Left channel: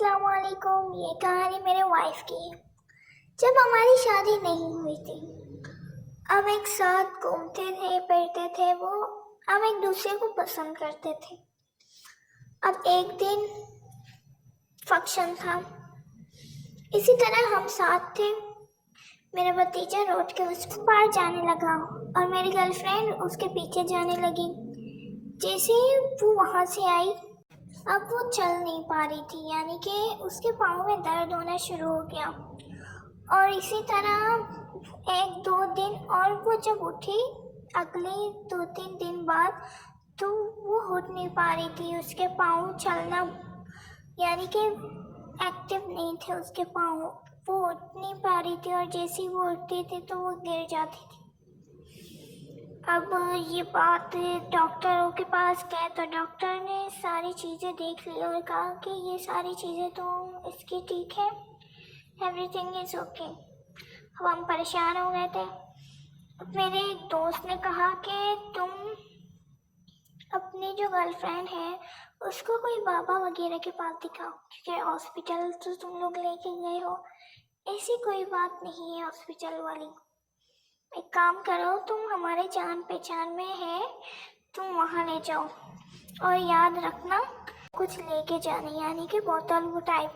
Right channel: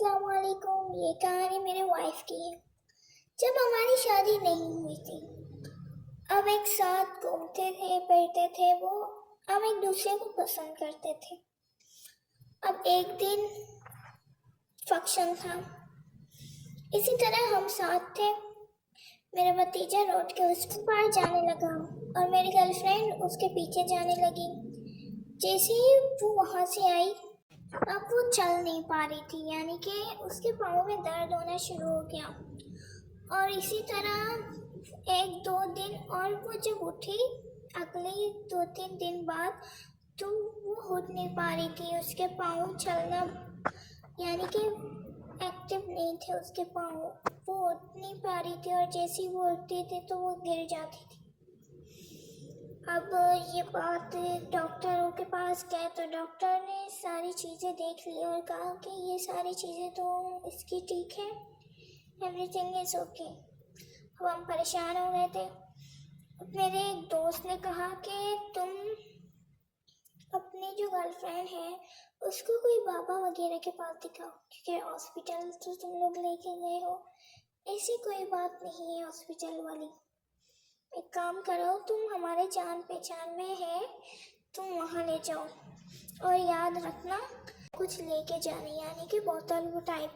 अस्सलाम वालेकुम। ये कहानी मेरे वाइफ की है। जब हमारी शादी नहीं हुई थी, हम एक साथ घूमते थे, फिरते थे, हम एक दूसरे को पसंद करते थे। अब एक दिन फंक्शन था, इसी तरह हम साथ थे। मेरा भतीजा रोड के उस पार जाने लगा और मेरी गर्लफ्रेंड उसके पीछे जाने लगी। जैसे ही वो वहाँ से आई, अब वो चल नहीं पा रही थी, यानी कि उसके पाँव में दर्द होना शुरू हो गया। और इसी तरह एक दो दिन, और वो जब उठी अगले 2-3 दिन बाद, तो वो उठ नहीं पा रही थी। उसके पाँव चलना, यानी कि एक्टिव नहीं थे उसके पाँव, वो उठ नहीं पा रही थी। और जैसे ही वो उठते थे तो वो गिर जाती थी। अब ये बात डॉक्टरों के पास गए तो डॉक्टर ने सारी चीज़ें देख ली और कहा कि ये सारी चीज़ें तो इसकी ठीक है, एवरीथिंग इज़ ओके। अब हम परेशान हो गए थे। मेरे एक दोस्त ने कहा कि तुम अपनी जो गर्लफ्रेंड है उसको कोई बाबा वगैरह के पास दिखाओ, क्योंकि हॉस्पिटल तो तुम लोग लेके गए हो, ऐसी कोई बात नहीं है हॉस्पिटल वाली। एक काम करो, तुम हमारे जान पहचान में है, तुम वहाँ ले जाओ। और याद रखना कुछ लेके जाना, यानी कि बोतल वो टाइप।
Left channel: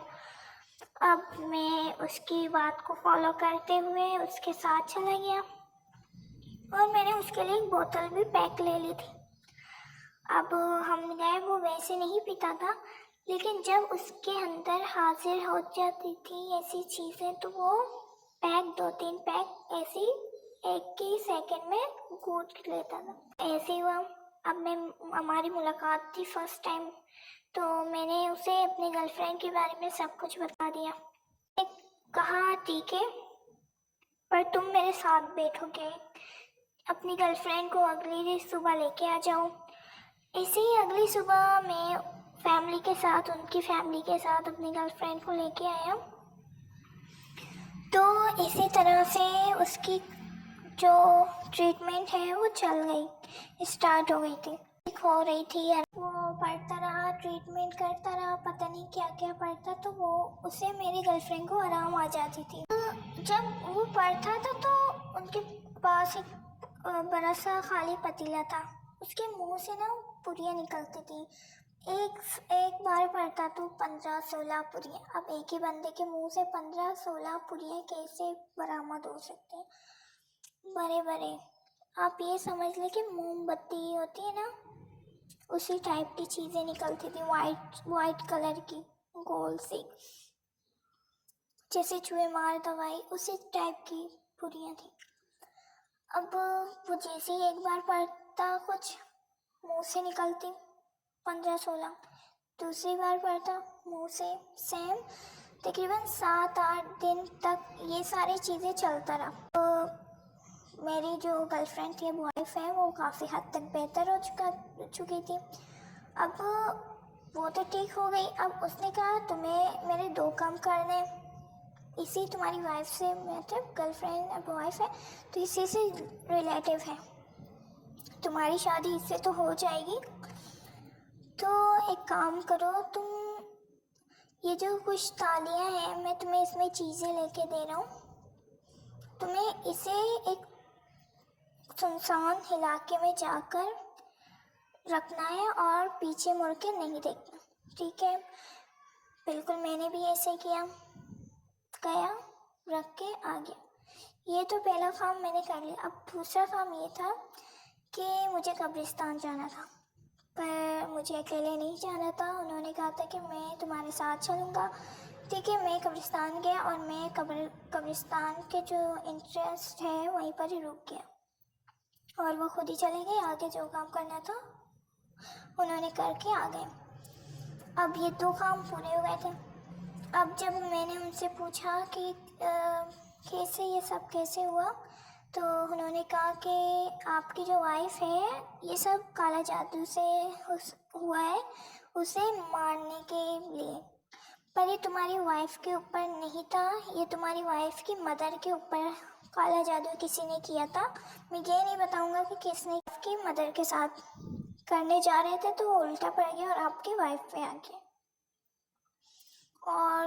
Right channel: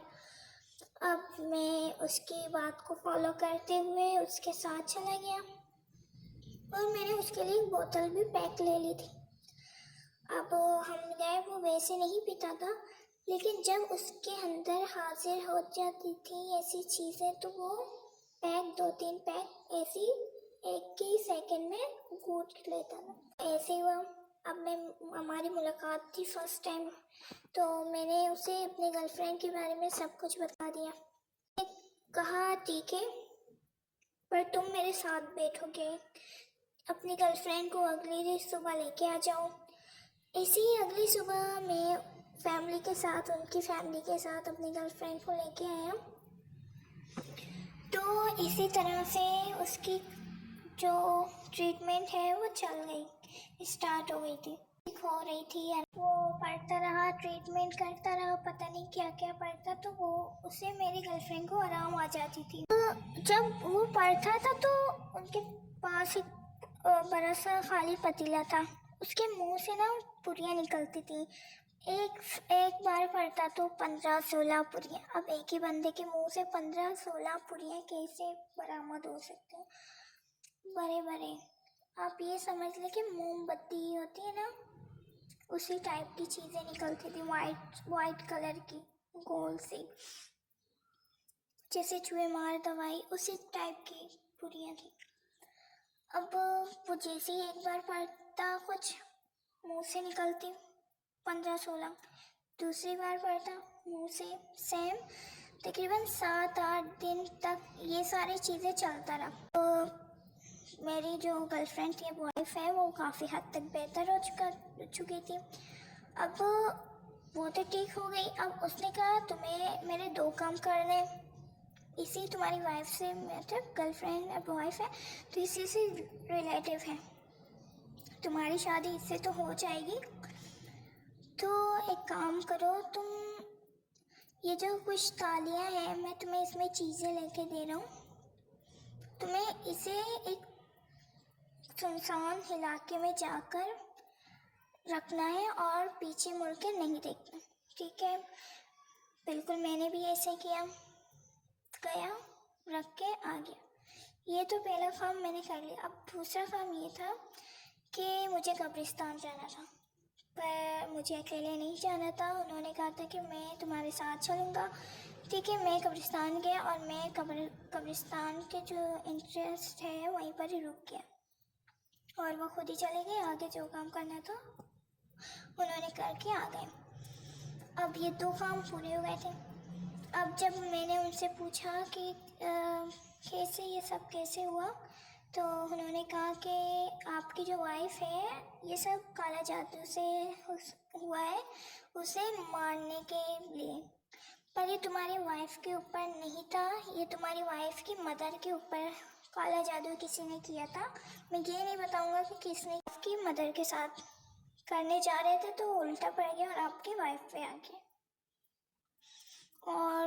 अब मैं उसकी बात को फॉलो करते हुए उसके साथ चला गया और मैंने उसके लिए एक बोतल भी पैक ले ली थी। अब हम गए, वो वैसे नहीं पीता था, लेकिन जब उसके अंदर हाजिर हो जाती थी ऐसी चीज़ें तो वो पैक 2-3 पैक ऐसी एक ही सेकंड में घूट लेता था। ऐसे हुआ। अब मैं हमारी मुलाकात थी फर्स्ट टाइम, तो मैंने उसे अपनी गर्लफ्रेंड के बारे में सब कुछ बता दिया। कहा ठीक है, पर तुम मेरे साथ बैठोगे, अपनी गर्लफ्रेंड को अगली सुबह लेके आ जाओ। ऐसे ही अगली सुबह मैं फैमिली के साथ, उनकी फैमिली के साथ अपनी गर्लफ्रेंड को लेके आया। तो इसी तरह से उसकी जो ट्रीटमेंट है वो चल गई, स्टार्ट हो गई थी, ठीक हो रही थी। वो पढ़ता रहा, ट्रीटमेंट करता रहा, पता नहीं क्या क्या पढ़ता, तो वो उसे मेरी गर्लफ्रेंड को आराम आ जाती थी। तो जब वो पढ़ता था तो उनके पास एक बड़ा सा खाली पतीला था, उसके मुंह से ना पुड़ियाँ निकलती थी। एक बार पढ़ता तो 15-16 पुड़ियाँ। अब एक ही बंदे के मुंह से 15-16 पुड़ियाँ कैसे बरामद हो सकते हैं? बड़े बड़े, आप ये समझ लें कि मोमबत्ती होती है ना, उसी टाइप की चीज़ें निकलती थी, वाइट कलर की, गोल सी, जैसे चूहे मार दवाई, उसी टाइप की पुड़ियाँ थी। अब वो जैसे ही एक बार पढ़ता कुछ मुंह से निकलती 15-16, दूसरी बार पढ़ता मुंह से सेम। तकरीबन 7-8 दिन तक ये सारी चीज़ें चलता रहा। तो मेरी जो गर्लफ्रेंड थी, वाइफ है, वो काफ़ी हद तक बेहतर हो चुकी थी। अब वो तो ठीक हो गई। अब उसने कहा तुम्हें मेरे 2 काम करने, इसी तुम्हारी वाइफ से, मतलब गर्लफ्रेंड अब वाइफ है तो इससे से रिलेटिव है, तुम्हारी शादी इससे तो हो जाएगी। तो एक काम करो, तुम ये जो कुछ तालियां हैं, मैं तुम्हें इसमें चीज़ें लेके दे रहा हूँ, तुम्हें इसे एक सुनसान इलाके में जाकर रखना है और पीछे मुड़ के नहीं देखना, ठीक है? बिल्कुल, मैंने भी ऐसे किया, गया, रख के आ गया। ये तो पहला काम मैंने कर लिया। अब दूसरा काम ये था कि मुझे कब्रिस्तान जाना था, पर मुझे अकेले नहीं जाना था। उन्होंने कहा था कि मैं तुम्हारे साथ चलूँगा, ठीक है? मैं कब्रिस्तान गया और मैं कब्रिस्तान के जो इंटरेस्ट है वहीं पर ही रुक गया और वो खुद ही चले गए। आगे जो काम करना था उन्होंने करके आ गए। अब ये 2 काम पूरे हो गए थे। अब जब मैंने उनसे पूछा कि कैसे ये सब कैसे हुआ, तो उन्होंने कहा कि आपकी जो वाइफ है, ये सब काला जादू से हुआ है, उसे मारने के लिए। पर ये तुम्हारी वाइफ के ऊपर नहीं था, ये तुम्हारी वाइफ की मदर के ऊपर काला जादू किसी ने किया था। मैं ये नहीं बताऊंगा कि किसने, आपकी मदर के साथ करने जा रहे थे तो वो उल्टा पड़ गया और आपकी वाइफ पे आ गया।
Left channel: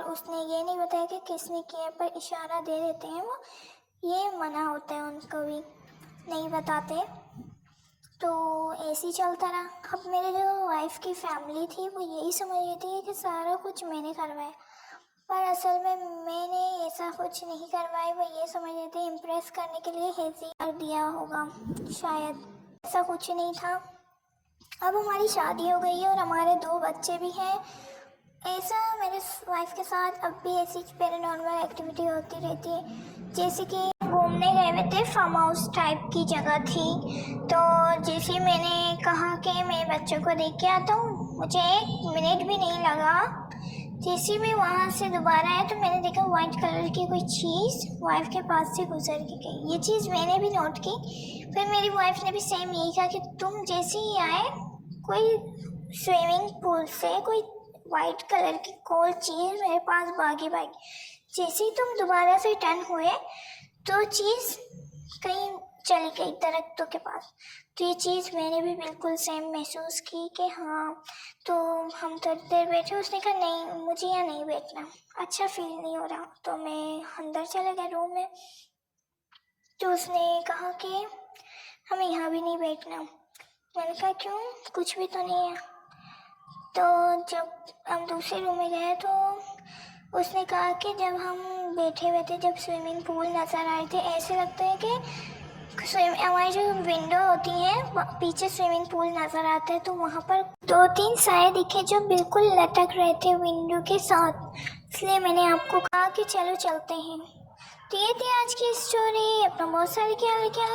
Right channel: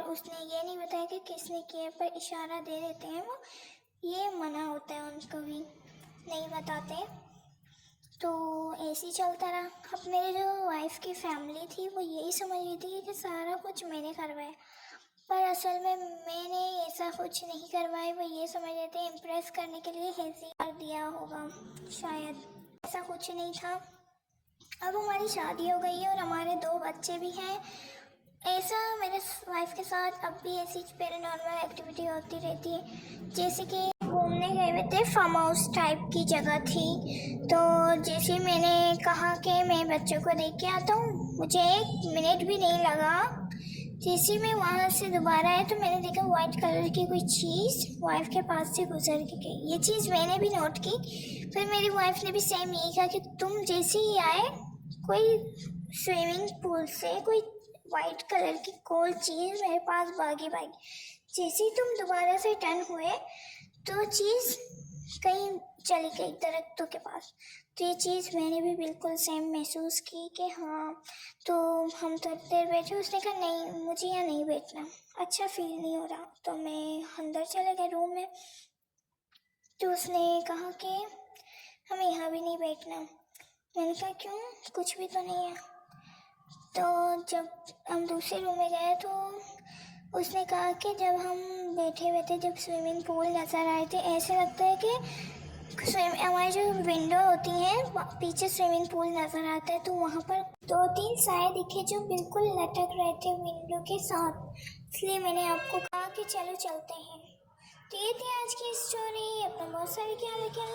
उसने ये नहीं बताया कि किसने किया, पर इशारा दे देते हैं वो, ये मना होता है उनको भी, नहीं बताते। तो ऐसे ही चलता रहा। अब मेरे जो वाइफ की फैमिली थी वो यही समझ रही थी कि सारा कुछ मैंने करवाया, पर असल में मैंने ऐसा कुछ नहीं करवाया। वो ये समझ रहे थे इम्प्रेस करने के लिए हेजी कर दिया होगा, शायद ऐसा कुछ नहीं था। अब हमारी शादी हो गई है और हमारे 2 बच्चे भी हैं। ऐसा मेरे वाइफ के साथ अब भी ऐसी पैरानॉर्मल एक्टिविटी होती रहती है। जैसे कि घूमने गए हुए थे, फार्म हाउस टाइप की जगह थी, तो जैसे ही मैंने कहा कि मैं बच्चों को देख के आता हूँ, मुझे 1 मिनट भी नहीं लगा। जैसे ही मैं वहाँ से दोबारा आया तो मैंने देखा वाइट कलर की कोई चीज़ वाइफ के पास से गुजर के गई। ये चीज़ मैंने भी नोट की। फिर मेरी वाइफ ने भी सेम यही कहा कि तुम जैसे ही आए, कोई स्विमिंग पूल से कोई वाइट कलर की कोई चीज़ मेरे पास भागी। जैसे ही तुम दोबारा से टर्न हुए तो चीज़ कहीं चली गई दरख्तों के पास। तो ये चीज़ मैंने भी बिल्कुल सेम महसूस की कि हाँ। तो हम थोड़ी देर बैठे, उसने कहा नहीं मुझे यहाँ नहीं बैठना, अच्छा फील नहीं हो रहा। तो मैं अंदर चले गए रूम में। तो उसने कहा कि हमें यहाँ भी नहीं बैठना। मैंने कहा क्यों, कुछ भी तो नहीं है। तो जब हम दूसरे रूम में गए तो उसने कहा कि जब हम बैठे हुए थे, जब स्विमिंग पूल नज़र आए थे, ऐसे लगता है कि हमारी जो विंडो होती है पीछे स्विमिंग पूल नज़र आता है, तो वहाँ पर 2-3 साए दिखे जो बिल्कुल लटक रहे थे विंडो के साथ। इसलिए मैंने आपको कहा कि चलो चलते हैं। तो ये थी आज की स्टोरी। अपना बहुत सारे ख्याल रखिए।